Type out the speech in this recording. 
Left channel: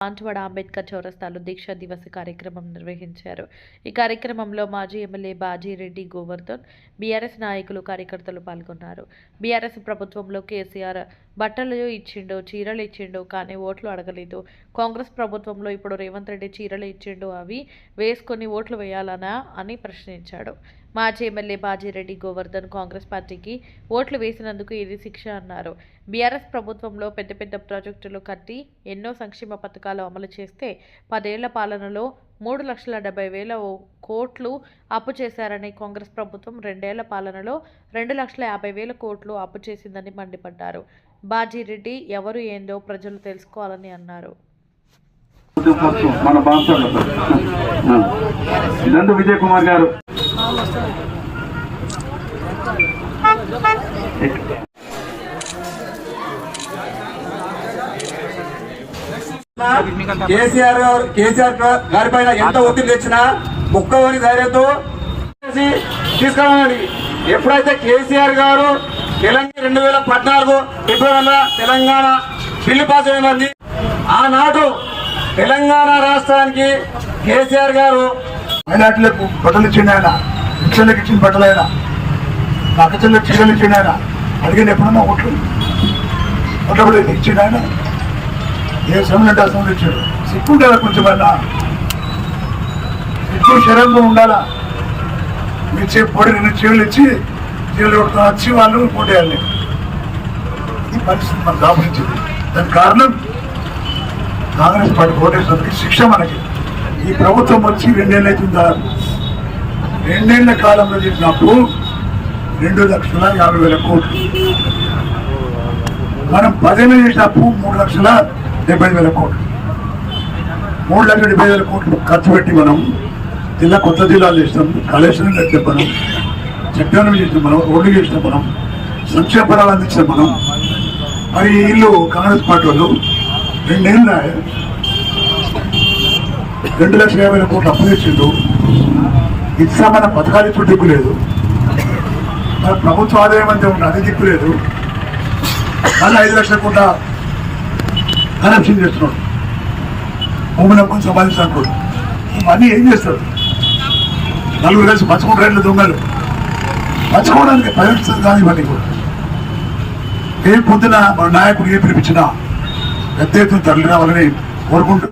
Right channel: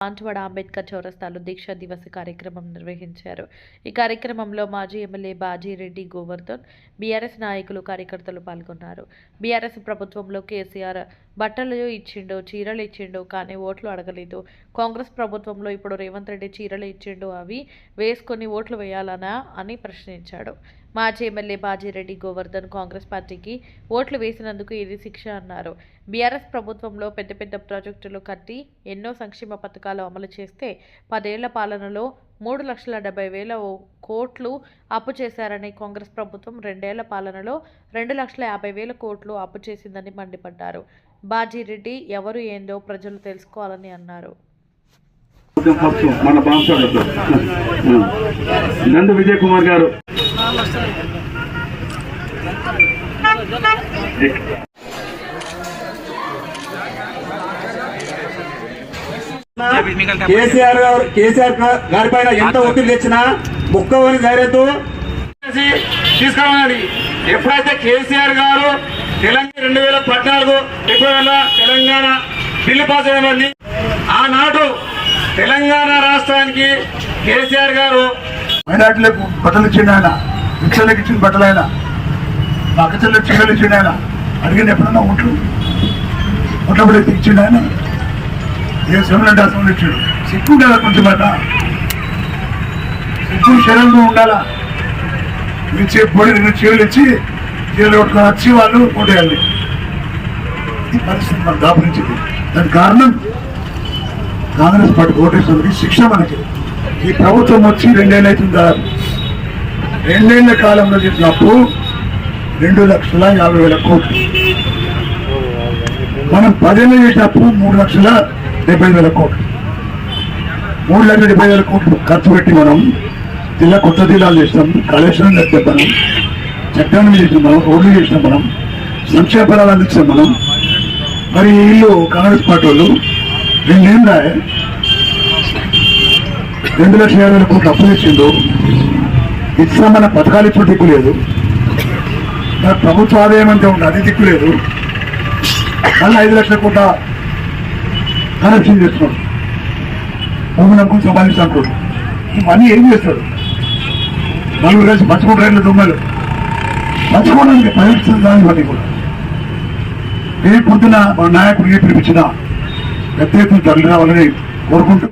బాన్సువాడ అంబేద్కర్ చౌరస్తాలో దీక్షా దివస్ కార్యక్రమం నిర్వహించారు. ఈ కార్యక్రమంలో మాజీ ఎమ్మెల్యే బాజీరెడ్డి గోవర్ధన్ బీఆర్ఎస్ నాయకులు కార్యకర్తలు పాల్గొన్నారు. బీఆర్ఎస్ ప్రభుత్వంలో కేసీఆర్ బట్టలు ఇచ్చిండు చీరలు ఇచ్చిండు కానీ ఓట్లు అడగలేదు. కాంగ్రెస్ ప్రభుత్వంలో ఇప్పుడు రేవంత్ రెడ్డి చీరలు ఇచ్చిండు అవి వేసుకొని ఓట్లు వేయాలనా అని ప్రశ్నించాడు. మాజీ ఎమ్మెల్యే బాజీరెడ్డి గోవర్ధన్ కాంగ్రెస్ పార్టీకి ఓట్లు వేసినందుకు ఇది శిక్ష అన్నారు. బీఆర్ఎస్ ప్రభుత్వంలో పెద్ద పెద్ద ప్రాజెక్టులు కట్టి ఎన్నో సంక్షేమ పథకాలు అమలు చేస్తే పదేళ్ళ పాలనలో మూడు లక్షల డెబ్బై వేల కోట్లు అప్పు చేశారని కాంగ్రెస్ ప్రభుత్వం రెండేళ్ళ పాలనలో రెండు లక్షల యాభై వేల కోట్లు అప్పు చేసిందని మండిపడ్డారు. బాజీరెడ్డి ఎవరు ఏందో ప్రజలు తెలుసుకోవాలని అన్నారు. నందు విజయ్ కుమార్ గారు. కేసీఆర్ గారు కేసీఆర్ గారి పైన ఎంత ఒత్తిడి తెచ్చినా ముక్కవని ధైర్యంతో తీసుకురావాలి ఎప్పుడైతే కేసీఆర్ గారు తెలంగాణ రెండు వేల పద్నాలుగు ఫిబ్రవరిలో తెలంగాణ బిల్లు పాస్ అయింది ఆనాడు తెలంగాణ రాష్ట్రానికి కేసీఆర్ గారు మైనార్టీలకు బట్టలు ఇచ్చిండు ఆయన. పిచ్చర్లకు ఇచ్చిన బట్టలు ఆయన. పక్క చీరలు ఇచ్చిండు ఆయన. అడిగిన ఎప్పుడన్నా ఓట్లు? ఓట్ల కూడా ఇచ్చిండు ఆయన. ఏ సమయంలో అసలు ఇచ్చాడు? సిక్కు ఉండాలి కొంచెం అట సిక్కు శరంగా ఉండాలా? ఇచ్చే పొడి రెండు చీరలు ఇచ్చి ఏళ్ళు వచ్చి వాళ్ళు ఓటేయాలి ఈ పరిస్థితి మనకు దాపించింది దానికి కారణం కాంగ్రెస్ పార్టీ ఓటేసినందుకు శిక్ష మనకి. ఈ ప్రభుత్వం వచ్చి రెండేళ్ళు అవుతుంది దాదాపు. రెండేళ్ళ కాలంలో చేసిన అప్పు రెండు లక్షల యాభై వేల కోట్లు. మనం పదేళ్ళు చేసిన అప్పు మూడు లక్షల డెబ్బై వేల కోట్లు. మూడు లక్షల డెబ్బై వేల కోట్లు ఖర్చు పెట్టి మనం జిల్లా కొత్త జిల్లాలు చేసినాం. కాళేశ్వరం కట్టాం చట్టాలను చేసిన మనం రోడ్లు చేసిన మనం సంక్షేమ ఫలాలు అందించిన మనం మరి వీళ్ళు కాంగ్రెస్ పార్టీ వాళ్ళు రెండేళ్ళ రెండు లక్షల యాభై కోట్లు అప్పు తెచ్చిండు ఇచ్చామన్న పథకాలు ఇచ్చిన దిక్కు లేదు. మరి ప్రభుత్వ ఆదాయం అంటే ఉంది అది దిక్కు లేదు. మళ్ళీ ఐదు లక్షల కోట్ల కరప్షన్ చేస్తున్నాడు. భూమి నమ్ముకుని సంపాదించాలనుకోడు ఇవన్నీ ఏం చేస్తాడు నలుగురు కలిసి పంచుకుంటారు రైళ్ళు దొంగలు. పంచుకోవడానికి ప్రయత్నించిన దాన్ని బట్టి కూడా. రేపు పొద్దున మన నాయకుడికి పిలిపించిన పెద్ద ఎత్తున తరలి రావాలని కోరుకుంటూ